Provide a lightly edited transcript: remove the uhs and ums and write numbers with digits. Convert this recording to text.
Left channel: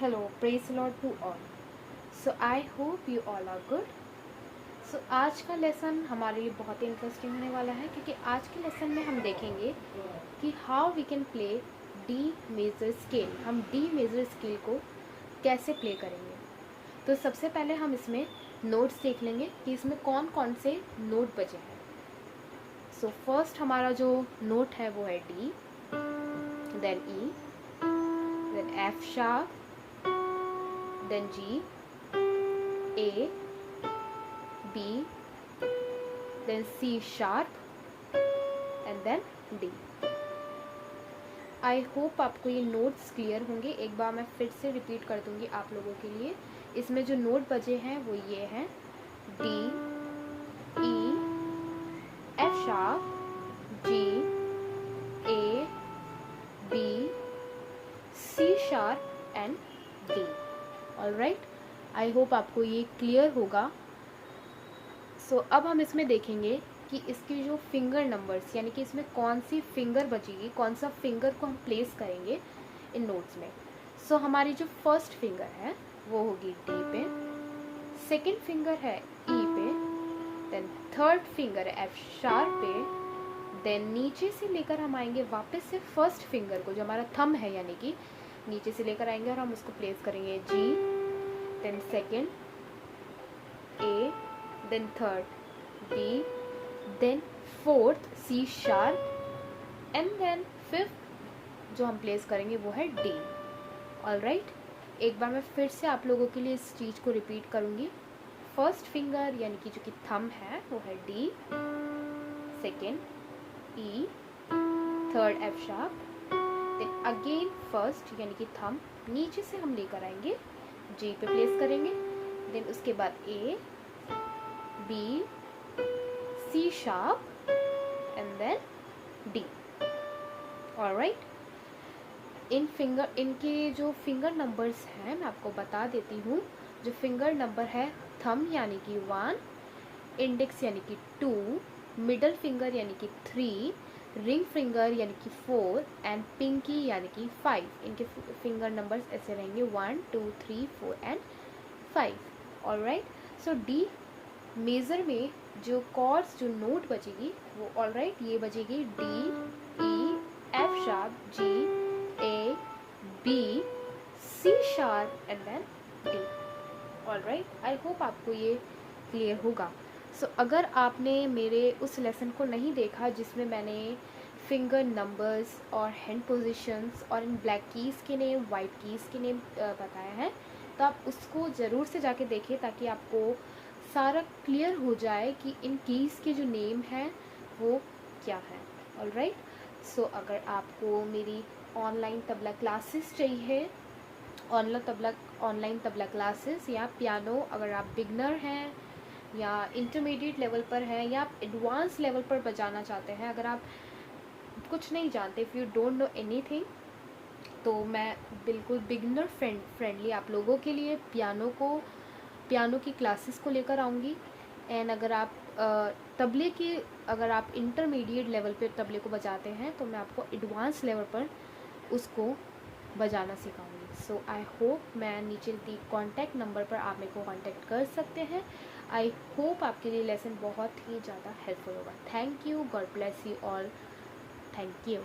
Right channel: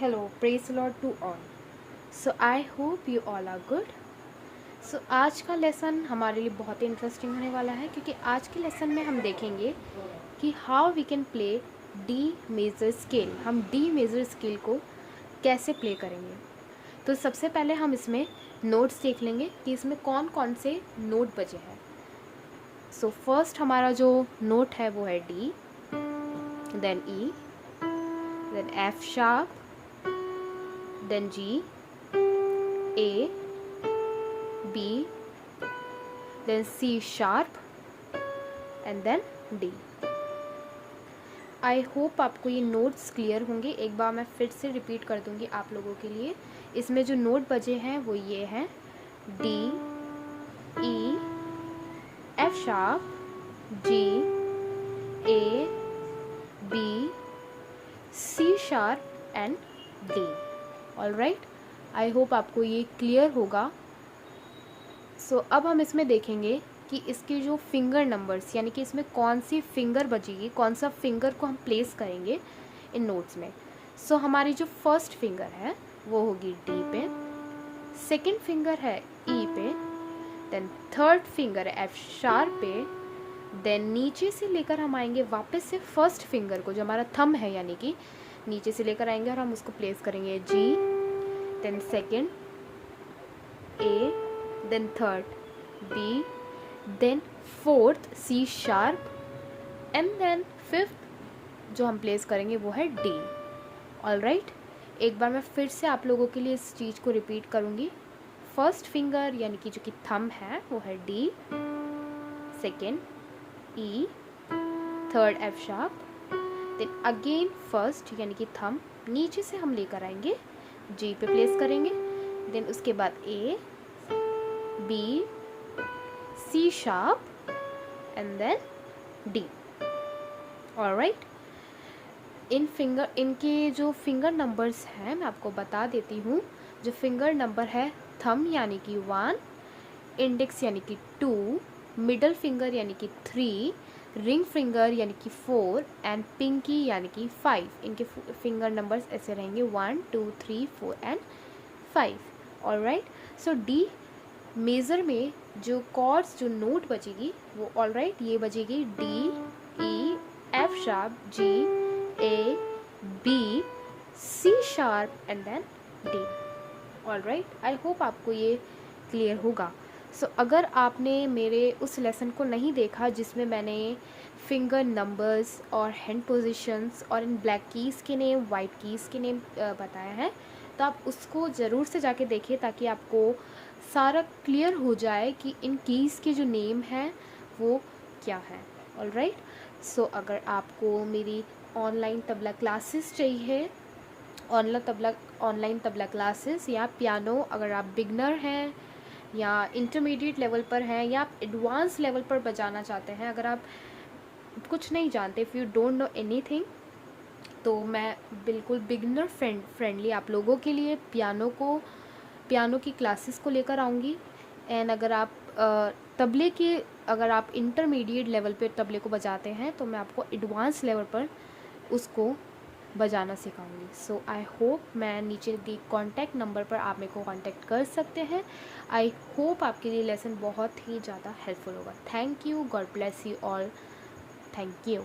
Hello, praise the Lord to all. So I hope you all are good. So आज का lesson हमारे लिए बहुत ही इंटरेस्टिंग होने वाला है क्योंकि आज के लेसन में हम देखेंगे कि how we can play D major scale. हम डी मेजर स्केल को कैसे प्ले करेंगे. तो सबसे पहले हम इसमें नोट्स देख लेंगे कि इसमें कौन कौन से नोट बचे हैं. सो फर्स्ट हमारा जो नोट है वो है D, then E, then F sharp, then G, A, B, then C sharp and then D. I hope आपको ये नोट्स क्लियर होंगे. एक बार मैं फिर से रिपीट कर दूंगी आप लोगों के लिए. इसमें जो नोट बचे हैं वो ये हैं D, E, F sharp, G, A, B, C sharp and D. Alright, I hope आपको ये क्लियर होगा. सो अब हम इसमें देखेंगे कि इसके जो फिंगर नंबर्स यानी कि इसमें कौन सी फिंगर बचेगी, कौन सा फिंगर को हम प्लेस करेंगे इन नोट्स में. सो हमारी जो फर्स्ट फिंगर है वो होगी डी पे, सेकंड फिंगर है ई पे, देन थर्ड फिंगर है एफ शार्प पे, देन नीचे से लेकर हम आएंगे वापस से फर्स्ट फिंगर को जो हमारा थंब है यानी कि नीचे से लेकर आएंगे और हम उसको प्लेस करेंगे G, then second A, then third B, then fourth C sharp and then fifth जो हम प्लेस करेंगे वो है डी. ऑलराइट, एक बार मैं फिर से आप लोगों के लिए इस चीज़ को रिपीट करूँगी. फर्स्ट फिंगर यानी कि जो कि थंब है वो है D, second E, third F sharp, then again first यानी कि थंब नीचे से हम लेकर आएंगे जी पे प्लेस करेंगे, देन उसके बाद A, B, C sharp and then D. Alright, इनके जो फिंगर नंबर्स हैं मैं आपको बता देती हूँ. जो फिंगर नंबर है थंब यानी कि 1, इंडेक्स यानी कि 2, मिडल फिंगर यानी कि 3, रिंग फिंगर यानी कि 4 एंड पिंकी यानी कि 5. इनके फिंगर नंबर्स ऐसे रहेंगे 1, 2, 3, 4 and 5. Alright, so D major में जो कॉर्ड्स जो नोट बचेगी वो ऑलराइट ये बचेगी D, E, F sharp, G, A, B, C sharp and then D. Alright, I hope आपको ये क्लियर होगा. सो अगर आपने मेरे उस लेसन को नहीं देखा जिसमें मैंने फिंगर नंबर्स और हैंड पोजीशंस और इन ब्लैक कीज़ के नेम, वाइट कीज़ के नेम बताया है, तो आप उसको ज़रूर से जाके देखिए ताकि आपको सारा क्लियर हो जाए कि इन कीज़ के जो नेम हैं वो क्या है. ऑलराइट, सो अगर आपको मेरी ऑनलाइन तबला क्लासेस चाहिए, ऑनलाइन तबला क्लासेस या पियानो, अगर आप बिगनर हैं या इंटरमीडिएट लेवल पर हैं या आप एडवांस लेवल पर बजाना चाहते हैं, अगर आप कुछ नहीं जानते, if you don't know anything, तो मैं बिल्कुल बिगनर फ्रेंडली आप लोगों के लिए पियानो की क्लासेस को लेकर आऊँगी. एंड अगर आप तबले की अगर आप इंटरमीडिएट लेवल पे तबले को बजाते हैं तो मैं आपको एडवांस लेवल पर उसको बजाना सिखाऊंगी. सो आई होप मैं नीचे दी कॉन्टैक्ट नंबर पर आप मेरे को कॉन्टैक्ट कर सकते हैं. आई होप आपके लिए लेसन बहुत ही ज़्यादा हेल्पफुल होगा. Thank you, God bless you all. Thank you.